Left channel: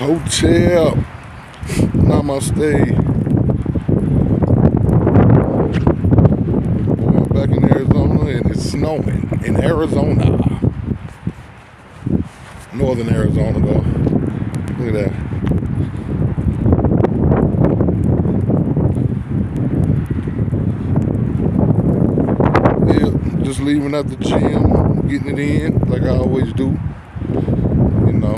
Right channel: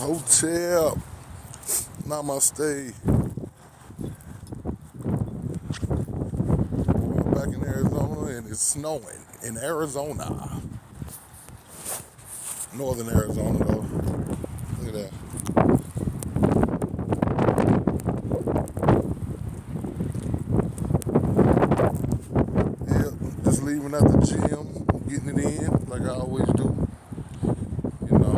Hotel. Namaste. We're back in Arizona and it's snowing in Arizona. Northern Arizona though. Look at that. Yeah, just leaving at the gym, getting it in like I always do. You know,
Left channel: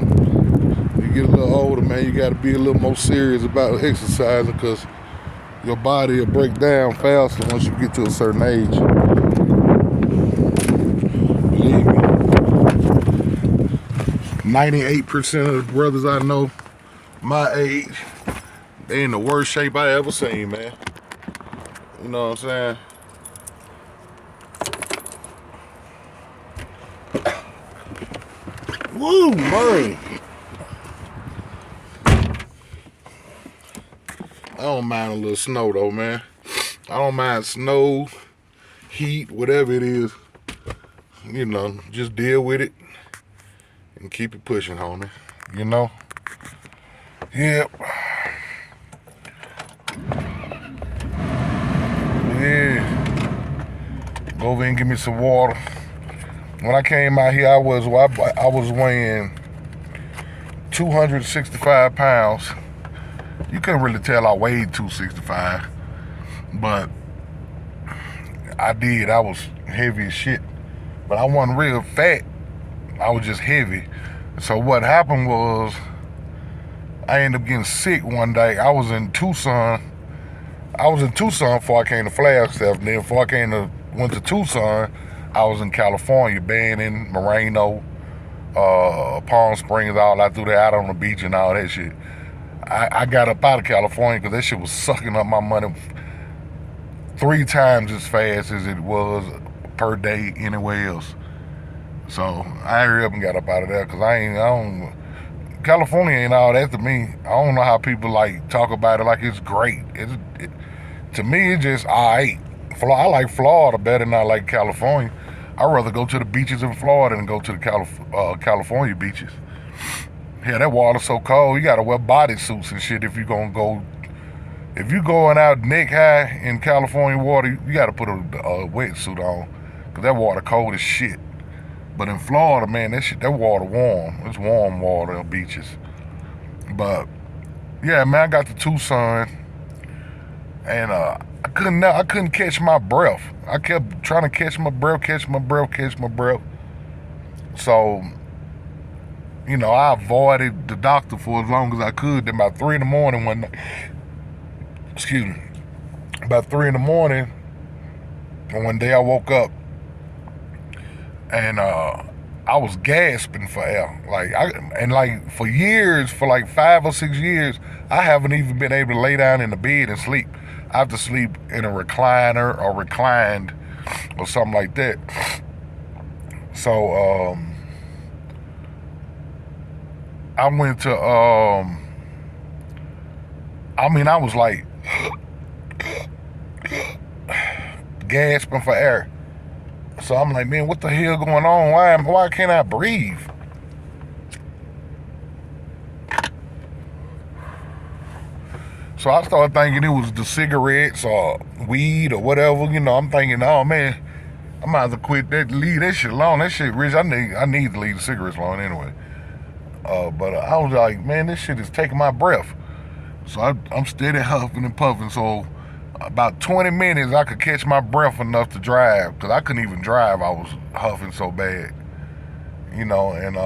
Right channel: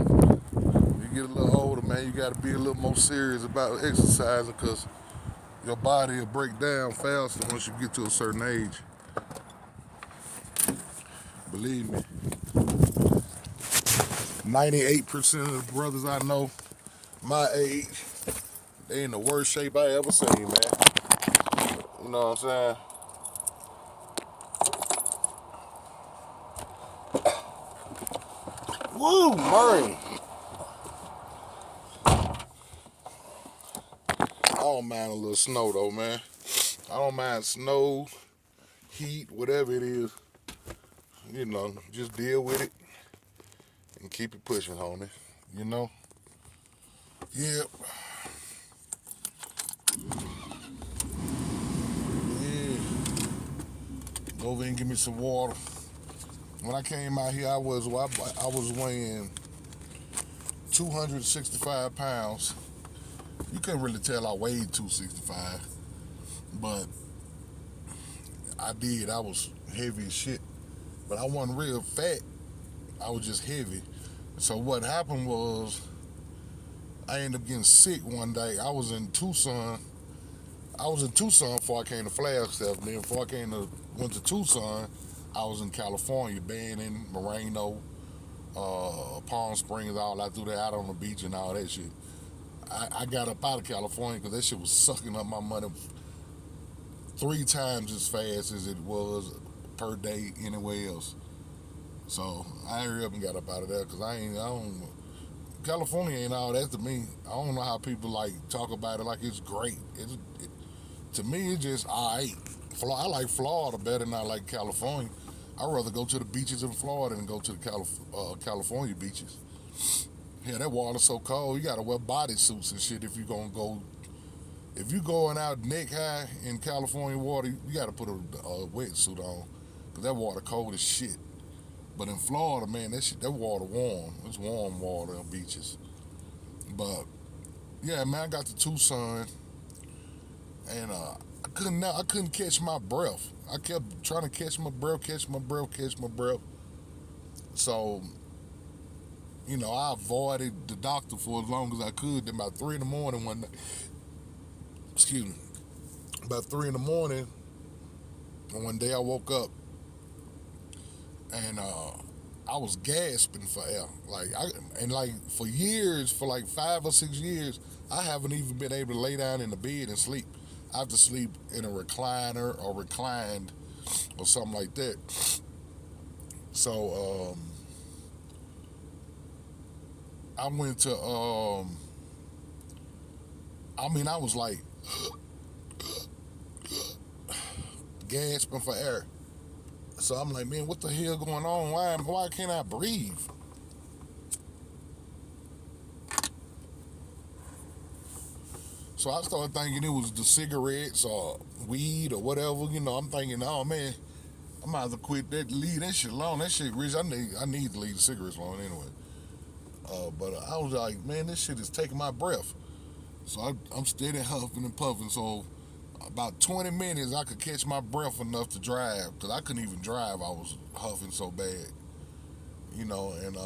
you get a little older, man, you got to be a little more serious about exercising because your body will break down faster once you get to a certain age. Believe me, 98% of the brothers I know my age, they in the worst shape I ever seen, man. You know what I'm saying? Woo, man. I don't mind a little snow though, man. I don't mind snow, heat, whatever it is. You know, just deal with it and keep it pushing, homie. You know? Yep. Yeah. Go over and give me some water. When I came out here, I was weighing 265 pounds. You couldn't really tell I weighed 265, but I did. I was heavy as shit, but I wasn't real fat. I was just heavy. So what happened was I ended up getting sick one day. I was in Tucson before I came to Flagstaff. And then before went to Tucson, I was in California, Banning, Moreno, Palm Springs, all out through there, out on the beach and all that shit. I got up out of California because that shit was sucking up my money 3 times as fast as it was per day anywhere else. So I hurried up and got up out of there because California ain't all that to me. I don't know how people like talk about it like it's great. To me, it's just alright. I like Florida better than I like California. I'd rather go to the beaches in Florida than go to the California beaches. Yeah, that water's so cold. You gotta wear bodysuits and shit if you gonna go. If you going out neck high in California water, you gotta put a wetsuit on, cause that water cold as shit. But in Florida, man, that water warm. It's warm water on beaches. But yeah, man, I got to Tucson, and I couldn't catch my breath. I kept trying to catch my breath. So, you know, I avoided the doctor for as long as I could. Then about 3 in the morning one night, excuse me, about 3 in the morning, and one day I woke up and I was gasping for air. For years, for like 5 or 6 years, I haven't even been able to lay down in the bed and sleep. I have to sleep in a recliner or reclined or something like that. So I went to I was like gasping for air. So I'm like, man, what the hell going on? Why can't I breathe? So I started thinking it was the cigarettes or weed or whatever. You know, I'm thinking, oh man, I might have to quit leave that shit alone. That shit, Rich, I need to leave the cigarettes alone anyway. But I was like, man, this shit is taking my breath. So I'm steady huffing and puffing. So about 20 minutes, I could catch my breath enough to drive, because I couldn't even drive. I was huffing so bad, you know. And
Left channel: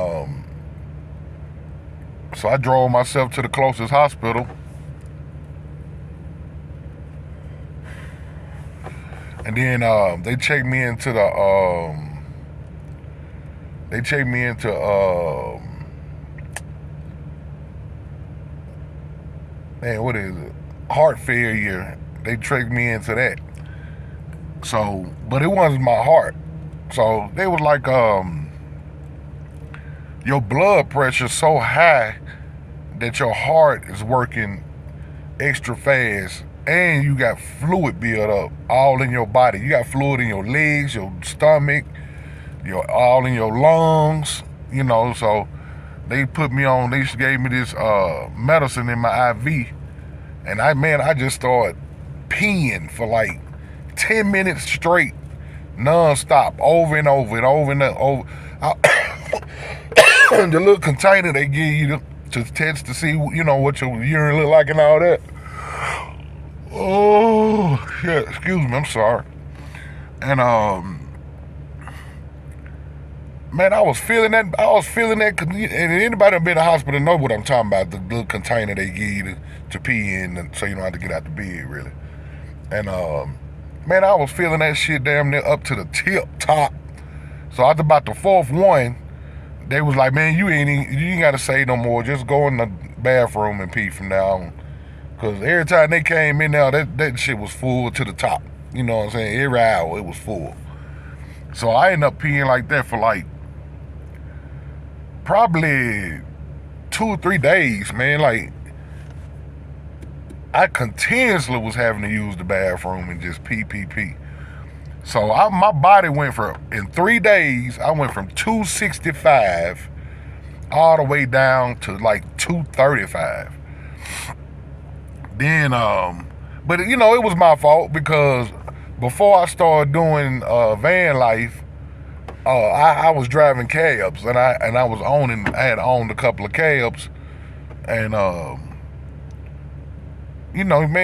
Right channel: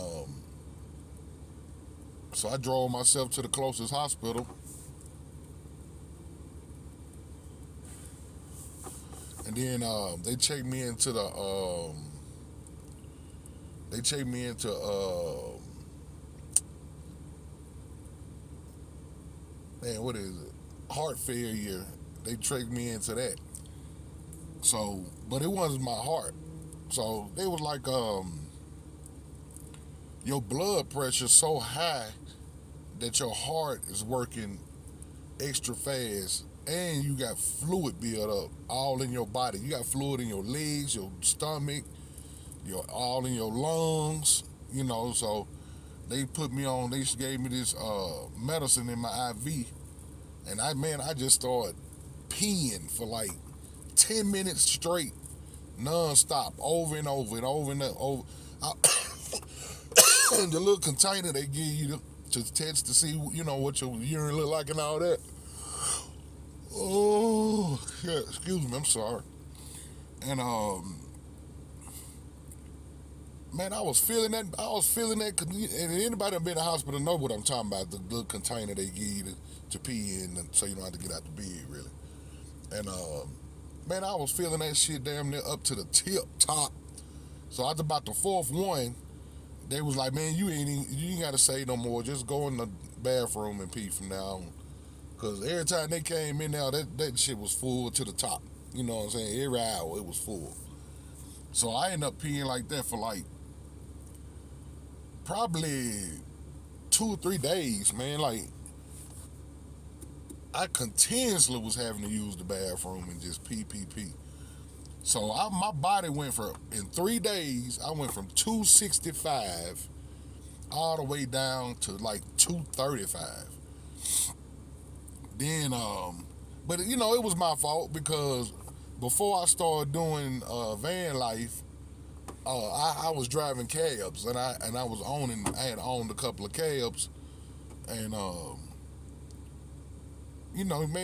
so I drove myself to the closest hospital. And then they checked me into man, what is it? Heart failure. They checked me into that. So, but it wasn't my heart. So they was like, your blood pressure's so high that your heart is working extra fast, and you got fluid build up all in your body. You got fluid in your legs, your stomach, all in your lungs. You know, so They put me on. They gave me this medicine in my IV, and I just started peeing for like 10 minutes straight, non-stop, over and over and over and over. The little container they give you to test to see, what your urine look like and all that. Oh, shit. Excuse me. I'm sorry. And, man, I was feeling that. And anybody that been in the hospital know what I'm talking about. The little container they give you to pee in so you don't have to get out the bed, really. And, man, I was feeling that shit damn near up to the top. So after about the fourth one, they was like, man, you ain't got to say no more. Just go in the bathroom and pee from now on. Because every time they came in there, that shit was full to the top. You know what I'm saying? Every hour it was full. So I ended up peeing like that for like probably 2 or 3 days, man. Like, I continuously was having to use the bathroom and just pee. So my body went in 3 days, I went from 265 all the way down to like 235. Then, but it was my fault because before I started doing van life, I was driving cabs and I had owned a couple of cabs, and man,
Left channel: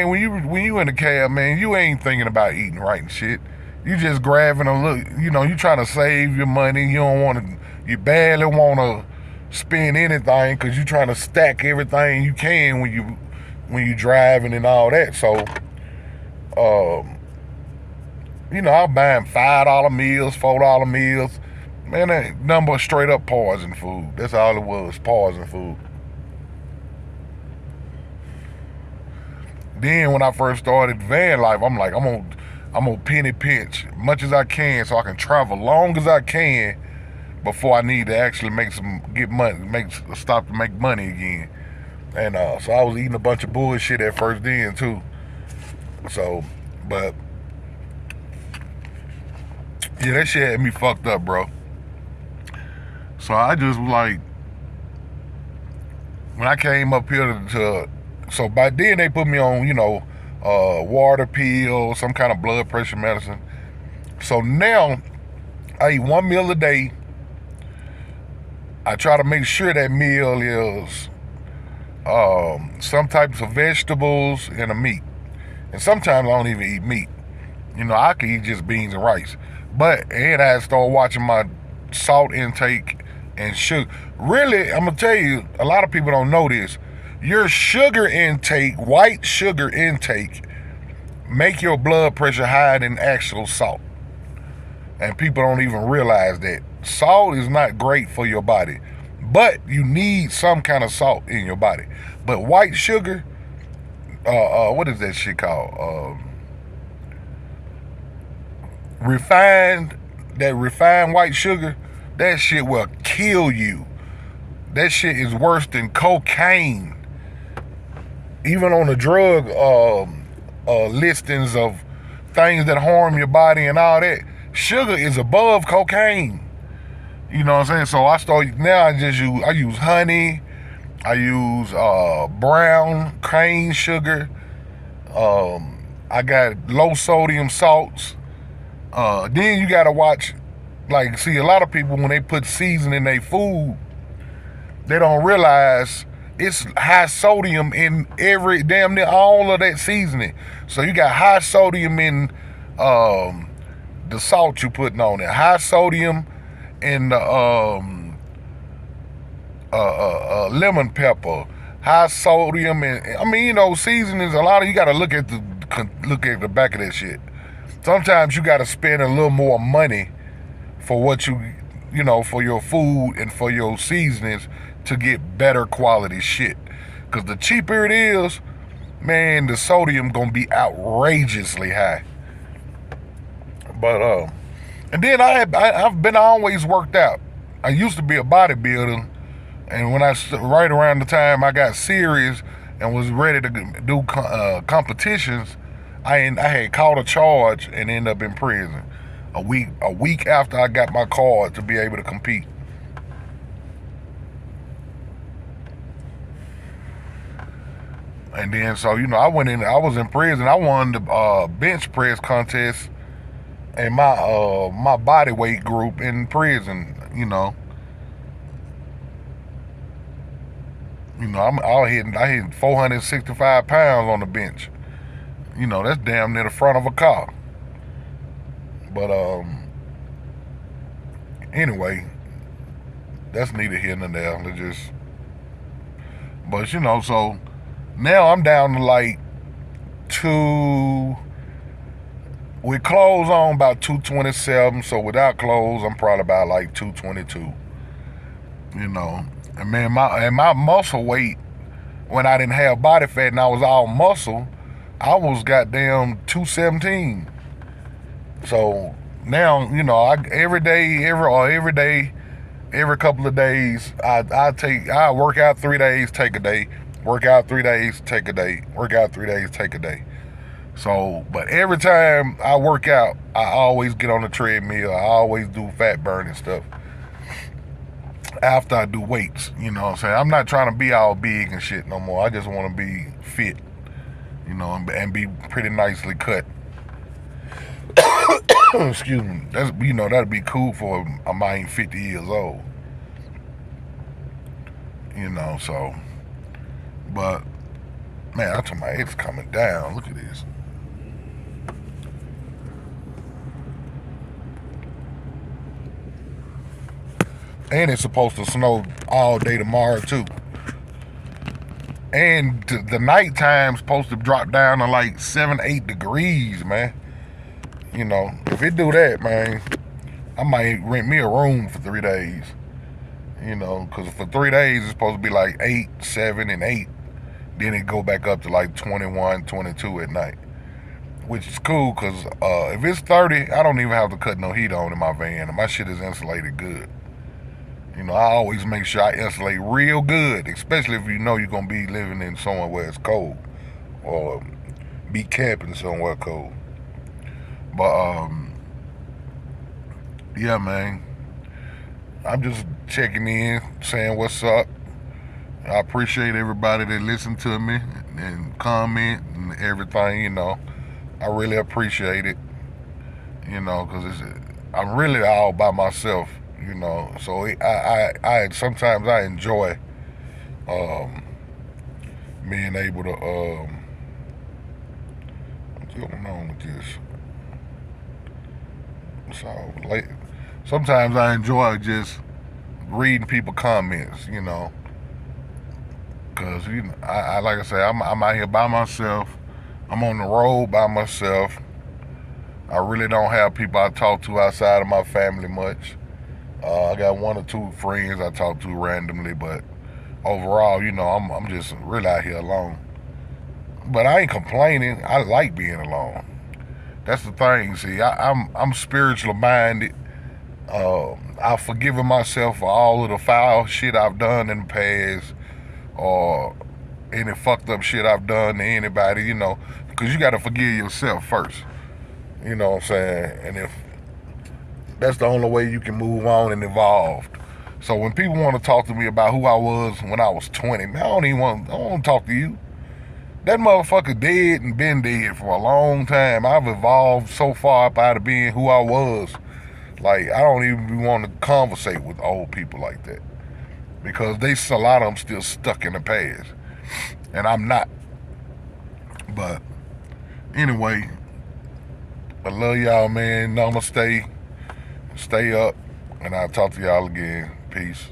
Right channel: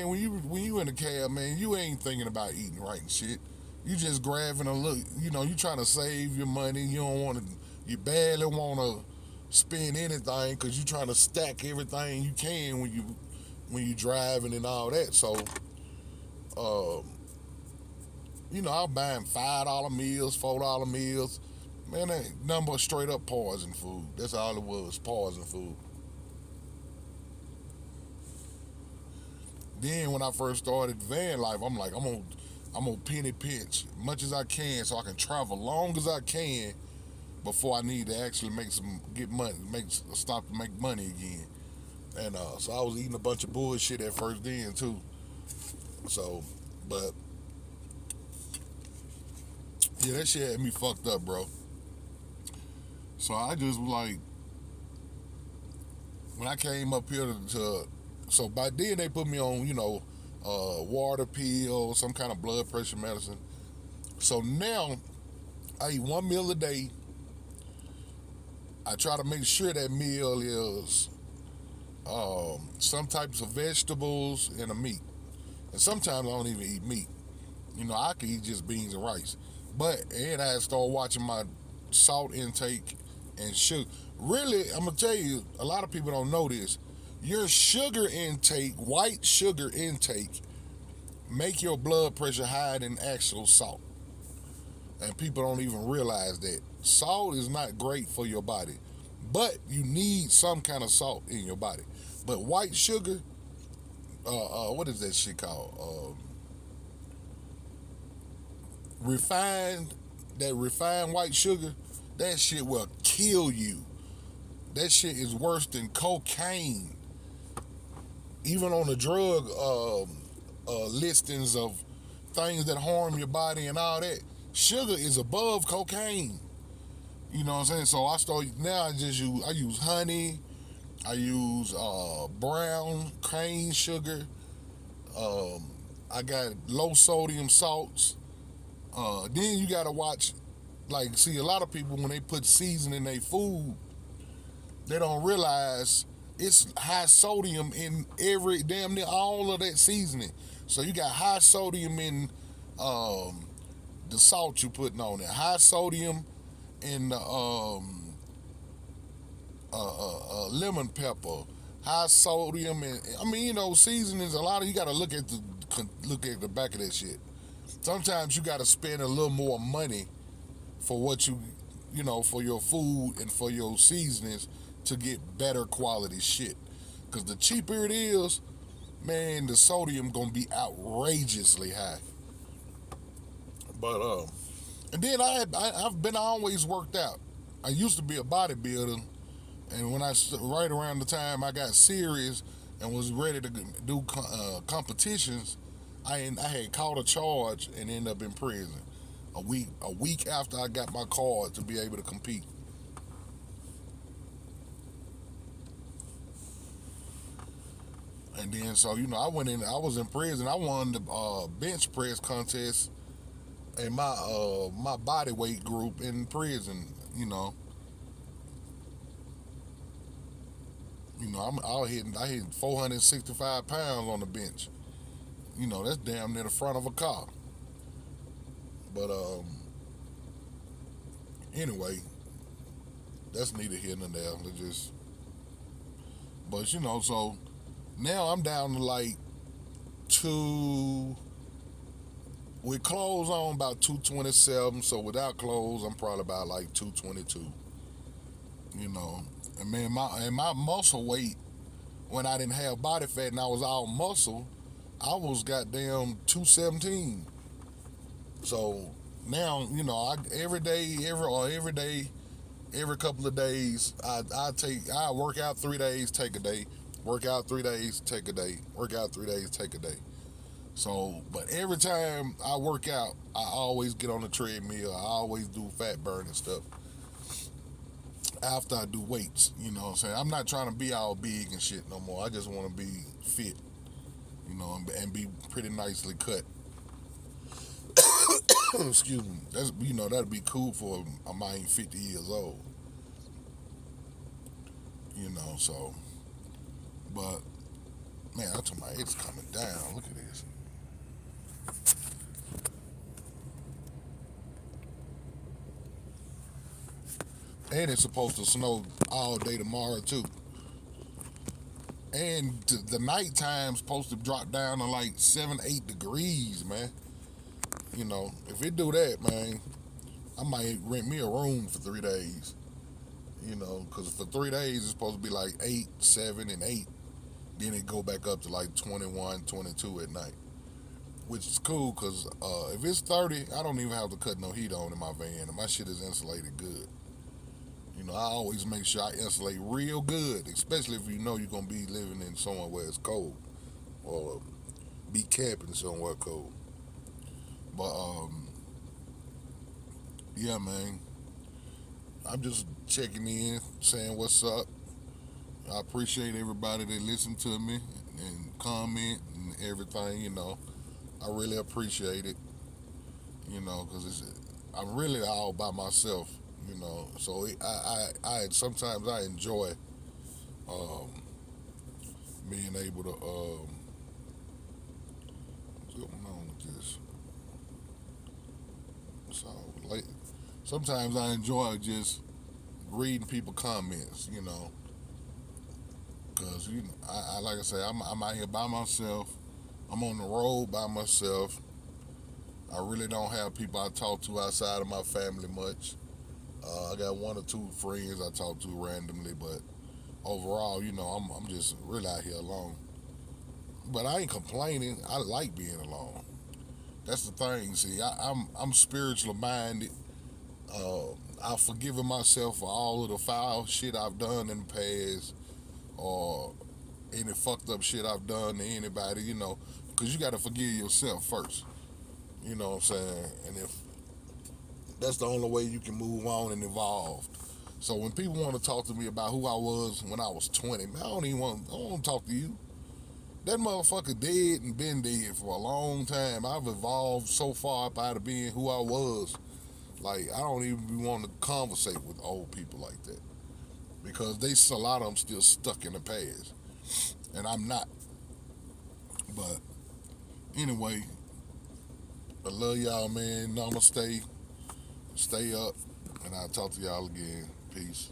when you in a cab, man, you ain't thinking about eating right and shit. You just grabbing a look, you trying to save your money. You barely want to spend anything because you trying to stack everything you can when you driving and all that. So, I'm buying $5 meals, $4 meals. Man, that number straight up poison food. That's all it was, poison food. Then when I first started van life, I'm like, I'm gonna penny pinch as much as I can so I can travel long as I can before I need to actually stop to make money again. And so I was eating a bunch of bullshit at first then too. So, but yeah, that shit had me fucked up, bro. So I just like, when I came up here so by then they put me on, water pill, some kind of blood pressure medicine. So now I eat 1 meal a day. I try to make sure that meal is some types of vegetables and a meat. And sometimes I don't even eat meat. I could eat just beans and rice. And I start watching my salt intake and sugar. Really, I'm going to tell you, a lot of people don't know this. Your sugar intake, white sugar intake, make your blood pressure higher than actual salt. And people don't even realize that. Salt is not great for your body, but you need some kind of salt in your body. But white sugar, what is that shit called? Refined white sugar, that shit will kill you. That shit is worse than cocaine. Even on the drug listings of things that harm your body and all that, sugar is above cocaine. You know what I'm saying? So I use honey, I use brown cane sugar, I got low sodium salts. Then you gotta watch, see, a lot of people, when they put seasoning in their food, they don't realize it's high sodium in damn near all of that seasoning. So you got high sodium in the salt you putting on it, high sodium in the lemon pepper, high sodium, and seasonings. A lot of you got to look at the back of that shit. Sometimes you got to spend a little more money for what for your food and for your seasonings to get better quality shit. Because the cheaper it is, man, the sodium gonna be outrageously high. But and then I've been always worked out. I used to be a bodybuilder, and right around the time I got serious and was ready to do competitions, I had caught a charge and ended up in prison a week after I got my card to be able to compete. And then so I went in. I was in prison. I won the bench press contest in my body weight group in prison. I hit 465 pounds on the bench. That's damn near the front of a car. But anyway, that's neither here nor there. But so now I'm down to like two. With clothes on, about 227. So without clothes, I'm probably about like 222. And man, my muscle weight when I didn't have body fat and I was all muscle, I was goddamn 217. So now, every day, every couple of days, I work out 3 days, take a day, work out 3 days, take a day, work out 3 days, take a day. So, but every time I work out, I always get on the treadmill. I always do fat burning stuff after I do weights. You know what I'm saying? I'm not trying to be all big and shit no more. I just want to be fit, and be pretty nicely cut. Excuse me. That'd be cool for a man 50 years old. So, but man, I told my it's coming down. Look at this. And it's supposed to snow all day tomorrow too. And the nighttime's supposed to drop down to like 7-8 degrees, man. If it do that, man, I might rent me a room for 3 days. Because for 3 days it's supposed to be like 8, 7, and 8. Then it go back up to like 21, 22 at night. Which is cool because if it's 30, I don't even have to cut no heat on in my van. And my shit is insulated good. I always make sure I insulate real good, especially if you're going to be living in somewhere where it's cold or be camping somewhere cold. But, yeah, man, I'm just checking in, saying what's up. I appreciate everybody that listened to me and comment and everything, I really appreciate it, because I'm really all by myself. So I sometimes I enjoy being able to what's going on with this. So sometimes I enjoy just reading people comments, because I like I say I'm out here by myself. I'm on the road by myself. I really don't have people I talk to outside of my family much. I got 1 or 2 friends I talk to randomly, but overall, I'm just really out here alone. But I ain't complaining. I like being alone. That's the thing. See, I'm spiritually minded. I've forgiven myself for all of the foul shit I've done in the past, or any fucked up shit I've done to anybody. Because you got to forgive yourself first. You know what I'm saying? And if that's the only way you can move on and evolve. So when people want to talk to me about who I was when I was 20, man, I don't want to talk to you. That motherfucker dead and been dead for a long time. I've evolved so far up out of being who I was. Like, I don't even want to conversate with old people like that. Because a lot of them still stuck in the past. And I'm not. But anyway, I love y'all, man. Namaste. Stay up, and I'll talk to y'all again. Peace.